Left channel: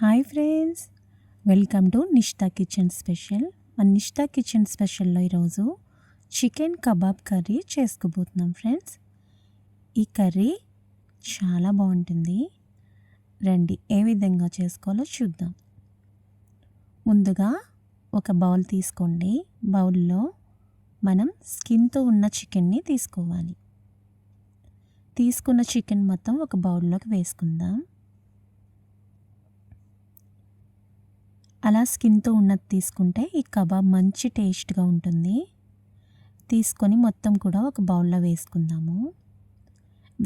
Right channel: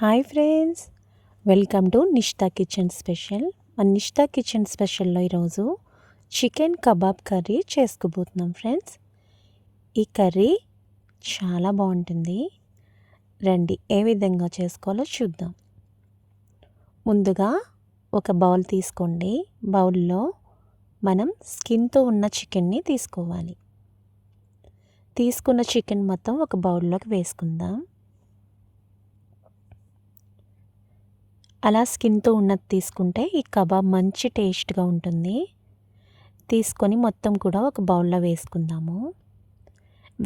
Hi friends, welcome to Nishtha kitchen special. మన Nishtha kitchen స్పెషల్లో ఈరోజు చికెన్ కబాబ్ కర్రీ చేసుకోబోతున్నాం ఫ్రెండ్స్. ఈ కర్రీ చాలా బాగుంటుంది. రండి ఏ విధంగా చేసుకోవాలో చూద్దాం. ముందుగా ఒక బౌల్ తీసుకోండి. బౌల్లో మనం స్కిన్తో ఉన్న చికెన్ని తీసుకోవాలి. తీసుకున్న చికెన్ మొత్తం ఒక బౌల్లోకి వేసుకుందాం. అలా స్కిన్తో ఉన్నది తీసుకుంటే ఈ కబాబ్ మంచి టేస్ట్గా ఉంటుంది. తీసుకొని మొత్తం కూడా ఒక బౌల్లో వేసుకుందాము.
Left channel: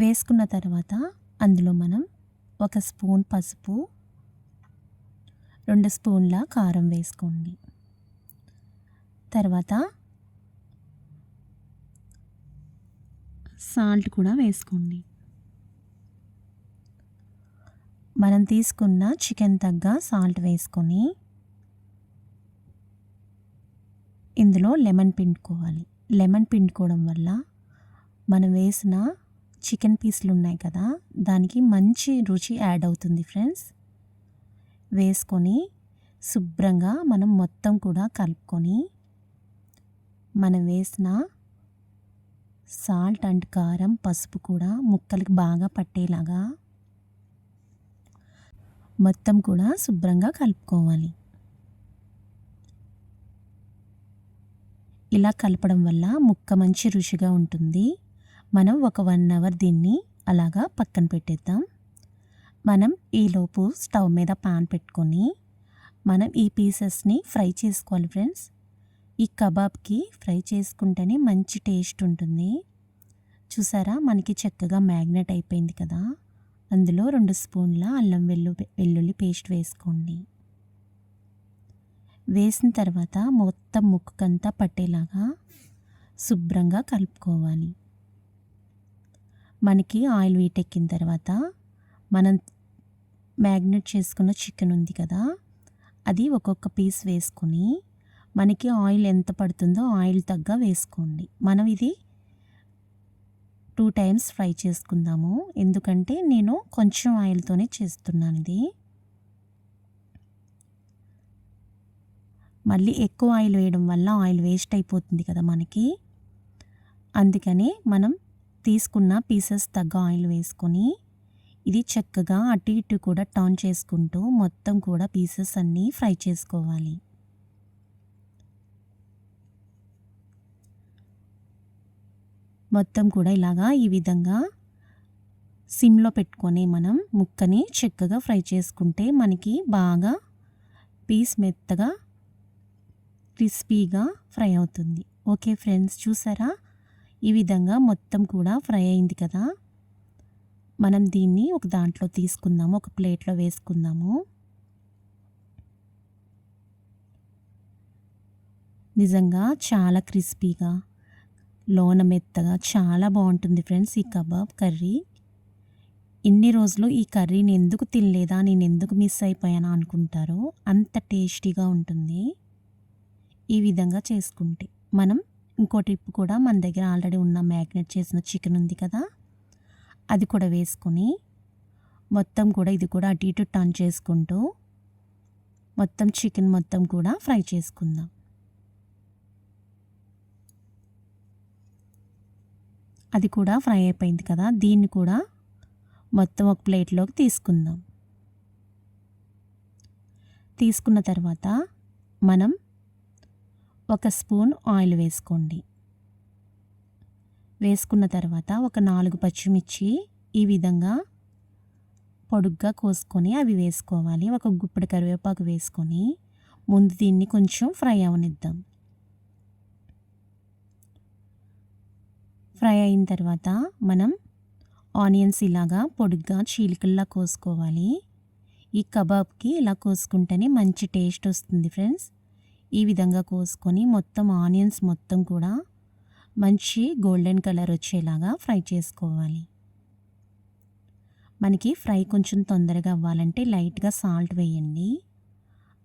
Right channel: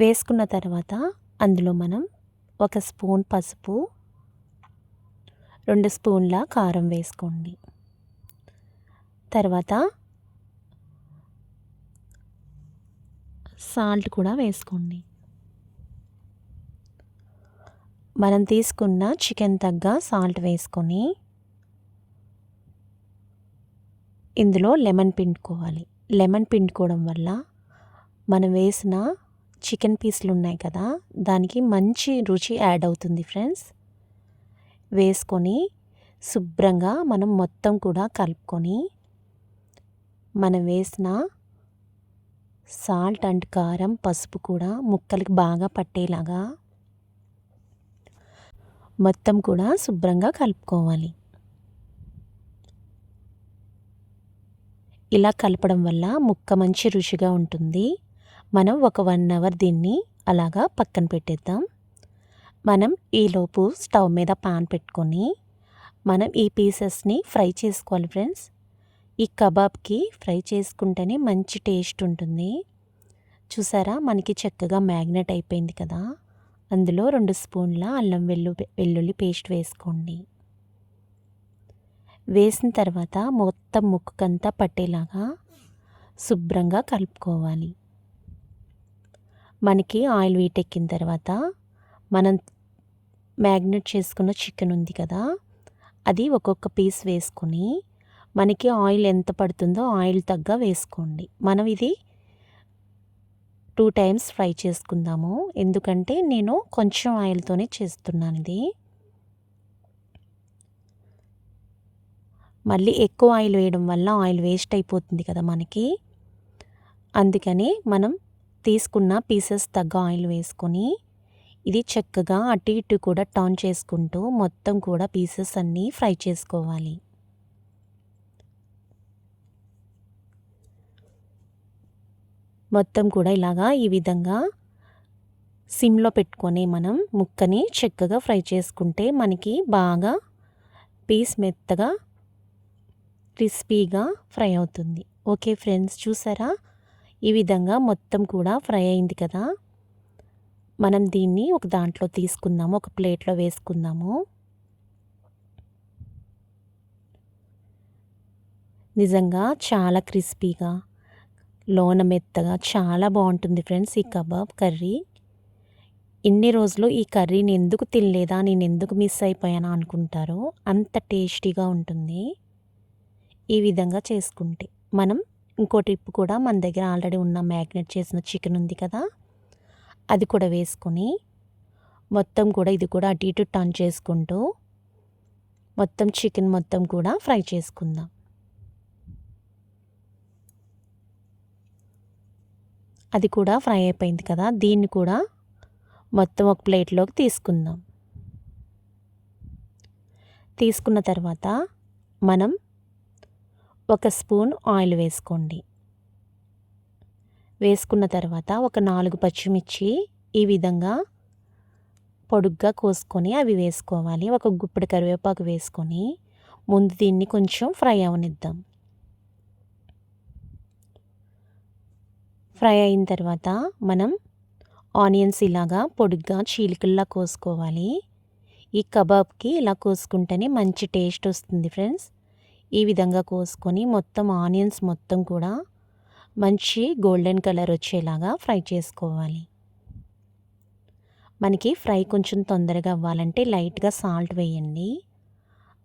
వేసుకున్న తర్వాత అందులో మనం 1 స్పూన్ పసుపు, 2 స్పూన్ల కారం వేసుకోండి. తర్వాత సాల్ట్ కూడా వేసుకోండి. మనం తీసుకున్న చికెన్ తగ్గ సాల్ట్ వేసుకొని ఇందులో లెమన్ పిండుకోవాలి. లెమన్ పిండుకోవడం వల్ల మనం వేసిన చికెన్ పీసులు ఉన్నాయి కదా, దానికి మంచి రుచి యాడ్ అవుతుంది ఫ్రెండ్స్. వేసుకొని శుభ్రంగా మనం మొత్తం కూడా కలుపుకొని మనం వేసిన సాల్ట్ అండ్ కారం, పసుపు కూడా ముక్కలకి బాగా పట్టేలాగా మొత్తం కూడా శుభ్రంగా కలుపుకోవాలి. ఇలా కలపడం వల్ల ముక్క మంచి రుచిగా ఉంటుంది. మనం ఒక 1 అవర్ దీన్ని అలాగా పక్కన పెట్టేద్దాం. మనం ఈలోపు స్టవ్ మీద పాన్ పెట్టుకొని మనం ఈ పీసెస్ని ఫ్రై చేసుకోవాలి ఫ్రెండ్స్. ఈ కబాబ్కి ఫ్రై చేసుకుంటేనే మంచి టేస్ట్ ఉంటుంది. చూసారా, మనకి చక్కగా మ్యాగ్నెట్ అయిపోయింది కదా. అందులో 2 స్పూన్ల అల్లం వెల్లుల్లి పేస్ట్ వేసుకోండి. వేసిన తర్వాత మొత్తం ముక్కకంతా పట్టేలాగా శుభ్రంగా కలుపుకోవాలి. మనకి ఆయిల్ వీటెక్కిన తర్వాత మనం మ్యాగ్నెట్ చేసుకున్న చికెన్ ఉంది కదా, అది ఒక్కొక్క పీస్ వేసుకొని మనకి ఆయిల్ ఎంత పడుతుందో ఆయిల్ తగ్గ వేసుకోండి. మనం ఇది 2 టైమ్స్ ఫ్రై చేసుకుందాము. ఎందుకంటే నేను కొంచెం ఆయిల్తోనే చేస్తున్నాను ఇది. మళ్ళీ ఎక్కువ ఆయిల్ వేయడం వల్ల ఆయిల్ వేస్ట్ అయిపోతుంది కదా మనకి. అందుకని మనం తీసుకున్న పీసెస్ తగ్గ ఆయిల్ వేసుకొని ఇది చక్కగా అటు ఇటు కూడా టర్న్ చేసుకుంటూ మొత్తం కూడా పీసెస్ అన్నీ ఫ్రై చేసుకోవాలి. మొత్తం కూడా ఇలాగా ఈ విధంగా సిమ్లో పెట్టుకొని మనం ముక్కని చక్కగా ఫ్రై చేసుకుంటే మనకి బాగా పీస్ మెత్తగా క్రిస్పీగా ఫ్రై అవుతుంది. ఓకే ఫ్రెండ్స్, చూసారా, ఈ విధంగా మొత్తం కూడా ఫ్రై అయింది కదా. మనం దీన్ని ఒక దాంట్లో తీసుకుందాము, ఒక ప్లేట్లో వేసుకుందాము. నిజంగా చాలా క్రిస్పీగా, లోన మెత్తగా చాలా బాగుంటుంది ఫ్రెండ్స్ ఈ కబాబ్ కర్రీ. ఇన్ని రోజులు ఈ కర్రీని ఎందుకు తినలేదా, నేను ఎందుకు మిస్ అయిపోయానా అనుకుంటారో, అంత టేస్టీగా ఉంటుంది ఈ విధంగా చేసుకుంటే. మనం ఇంకో టిప్ కూడా, మన దగ్గర ఆల్రెడీ ఉన్న మ్యాగ్నెట్ చేసిన చికెన్ ఉంది కదా, అది కూడా వేసుకొని మొత్తం కూడా ఇది కూడా అటు ఇటు టర్న్ చేసుకుంటూ మొత్తం చికెన్ మొత్తం కూడా ఫ్రై చేసుకుందాం. అది కూడా ఫ్రై అయిపోయింది కదా, దీన్ని కూడా మొత్తం ఒక ప్లేట్లోకి తీసుకుందాం. తీసుకున్న తర్వాత మనం 1 స్పూన్ ఆయిల్ వేసుకోండి. వేసుకున్న తర్వాత ఒక 4 పచ్చిమిర్చి ఈ విధంగా పొడుగ్గా కోసుకొని అవి వేసుకోవాలి. ఒక గుప్పెడు కరివేపాకు వేసుకొని ముందు దీన్ని కొంచెం ఫ్రై అవనిద్దాం. ఫ్రై అయిన తర్వాత మనం ఆనియన్స్ ఇలాగా పొడుగ్గా చీలికల్లా కోసుకోవాలి. ఈ కబాబ్కి ఇలా కోసుకుంటేనే మంచి టేస్ట్ వస్తుంది ఫ్రెండ్స్. ఈ విధంగా కోసుకొని మొత్తం ఆనియన్స్ మొత్తం కూడా మంచి గోల్డెన్ కలర్ వచ్చేలాగా ఫ్రై చేసుకోవాలి. మనకి ఫ్రై కొంచెం తొందరగా అవ్వాలంటే లైట్గా సాల్ట్ వేయండి.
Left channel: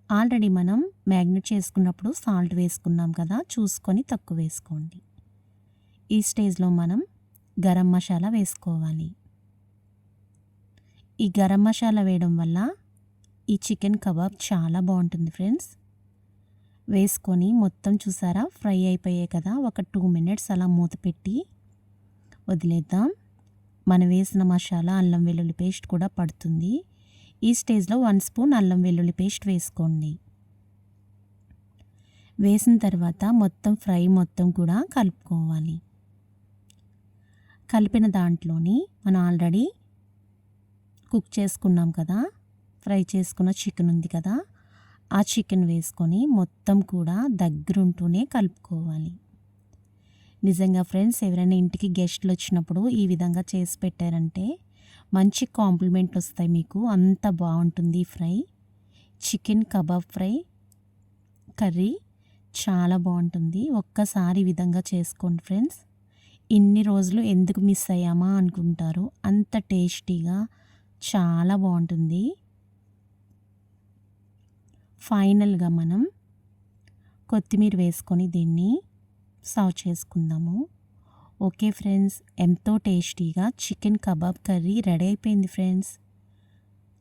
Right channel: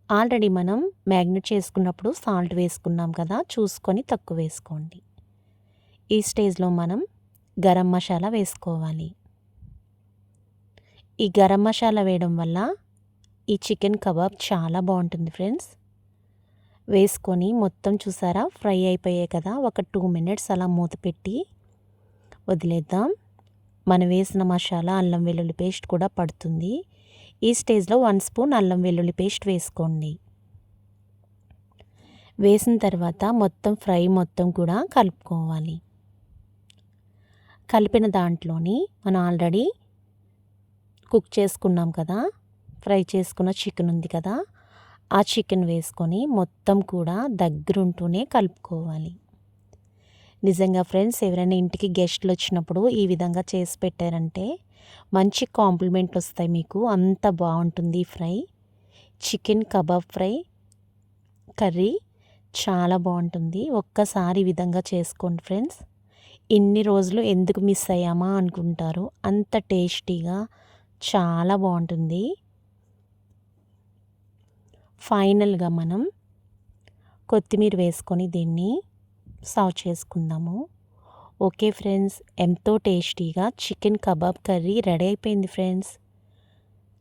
ఆల్రెడీ మనం మ్యాగ్నెట్ చేసుకున్నప్పుడు సాల్ట్ వేసుకున్నాం కదా, చూసుకొని తక్కువ వేసుకోండి. ఈ స్టేజ్లో మనం గరం మసాలా వేసుకోవాలి. ఈ గరం మసాలా వేయడం వల్ల ఈ చికెన్ కబాబ్ చాలా బాగుంటుంది ఫ్రెండ్స్. వేసుకొని మొత్తం చూసారా ఫ్రై అయిపోయాయి కదా, ఒక 2 మినిట్స్ అలా మూత పెట్టి వదిలేద్దాం. మనం వేసిన మసాలా అల్లం వెల్లుల్లి పేస్ట్ కూడా పడుతుంది. ఈ స్టేజ్లో 1 స్పూన్ అల్లం వెల్లుల్లి పేస్ట్ వేసుకోండి. వేసిన తర్వాత మొత్తం ఫ్రై మొత్తం కూడా కలుపుకోవాలి. కలిపిన దాంట్లోని మనం ఆల్రెడీ కుక్ చేసుకున్నాం కదా, ఫ్రై చేసుకున్న చికెన్ ఉంది కదా, ఆ చికెన్ వేసుకొని మొత్తం కూడా దగ్గరుంటూనే కలుపుకోవాలి. నిజంగా ఫ్రెండ్స్, ఎవరైనా ఇంటికి గెస్ట్లు వచ్చినప్పుడు ఈ విధంగా చేసి పెట్టారంటే మంచి కాంప్లిమెంట్లు వస్తాయి మీకు. అంత బాగుంటుంది fry. Chicken kebab fry curry చాలా బాగుంటుంది. ఒక్కసారి ఈ విధంగా చేసుకోండి ఫ్రెండ్స్. ఇన్ని రోజులు ఎందుకు మిస్ అయ్యామా అనుకుంటారు. అంత టేస్టీగా చాలా బాగుంటుంది. ఫైనల్గా మనం కొత్తిమీర వేసుకొని దీన్ని సర్వ్ చేసుకుందాము. ఓకే ఫ్రెండ్స్, ఎంతో టేస్టీగా చికెన్ కబాబ్ కర్రీ రెడీ అయిపోయింది ఫ్రెండ్స్.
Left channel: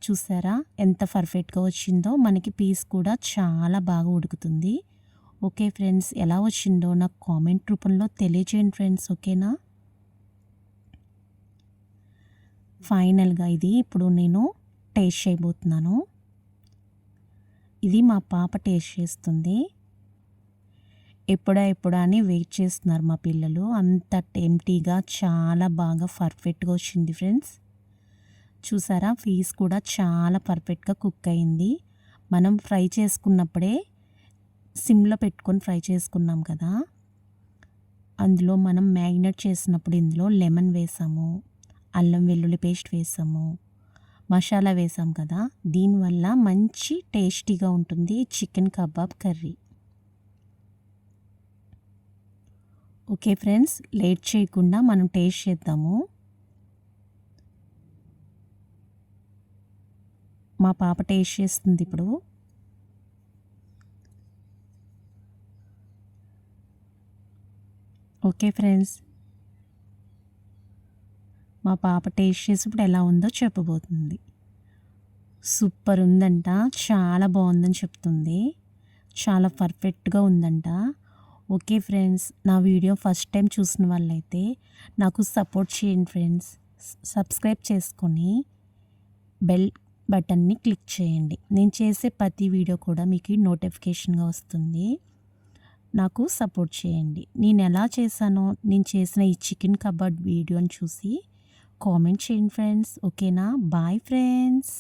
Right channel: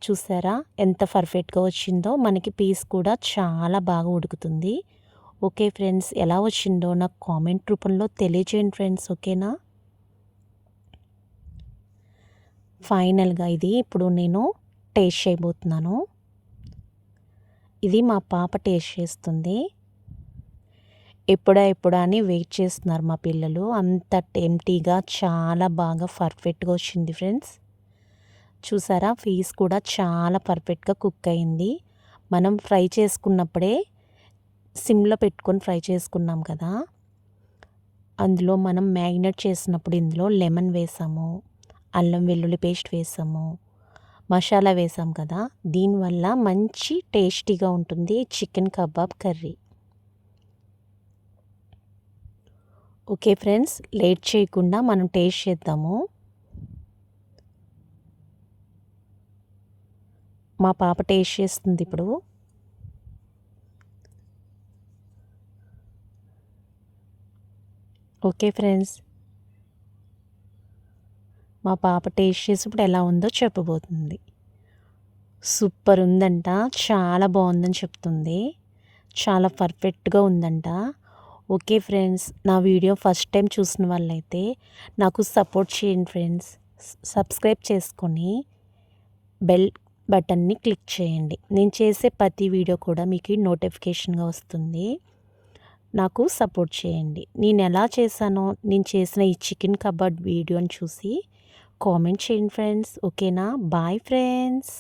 చూసారా ఎంత పర్ఫెక్ట్గా వచ్చిందో. మనకి పీస్ కూడా చాలా బాగా ఉడుకుతుంది. ఓకే ఫ్రెండ్స్, ఎలా వచ్చిందో నాకు కామెంట్ రూపంలో తెలియజేయండి ఫ్రెండ్స్. ఓకేనా? ఫైనల్గా ఇది ఇప్పుడు నేను టేస్ట్ చేయబోతున్నాను. ఇది మా పాప టేస్ట్ చేస్తుంది. ఎప్పుడా అని వెయిట్ చేస్తున్నారు మా పిల్లలు. అంత టెంప్టీగా చాలా బాగా పర్ఫెక్ట్గా వచ్చింది ఫ్రెండ్స్. చూసారా పీస్ కూడా చాలా పర్ఫెక్ట్గా కుక్ అయింది. మనం ఫ్రై చేసుకున్నప్పుడే సిమ్లో పెట్టుకొని ఫ్రై చేసుకున్నాం కదా, అందులో మనం మ్యారినేట్ చేసినప్పుడు ఇందులో లెమన్ వేసాము, అల్లం వెల్లుల్లి పేస్ట్ వేసాము, మసాలా వేసాం కదా, దీనివల్ల మంచి టేస్టీగా ఉంటుంది chicken kebab curry. Okay friends, late చేయకుండా మనం టేస్ట్ చేద్దాము. మా పాప టేస్ట్ చేస్తుంది ఇప్పుడు. ఓకే ఫ్రెండ్స్, మా పాప టేస్ట్ చేసి ఇప్పుడు ఎలా ఉందో చెప్పబోతుంది. సూపర్ ఉందంట, చాలా బాగుందని చెప్తుంది. చాలా పర్ఫెక్ట్గా ఉందంట. ఓకే ఫ్రెండ్స్, నా వీడియో ఫస్ట్ టైం చూసిన వాళ్ళైతే నాకు సపోర్ట్ చేయండి ఫ్రెండ్స్. సబ్స్క్రైబ్ చేసుకొని బెల్ బటన్ని క్లిక్ చేయండి. నేను చేసే ప్రతి వీడియో కూడా మీకు నోటిఫికేషన్గా వస్తుంది. నాకు సపోర్ట్ చేయండి. నేను ఎలా చేశానో, నేను చేసిన ఈ చికెన్ కబాబ్ వీడియోని చూసి కామెంట్ చేయండి ఫ్రెండ్స్. ఓకేనా? Bye friends.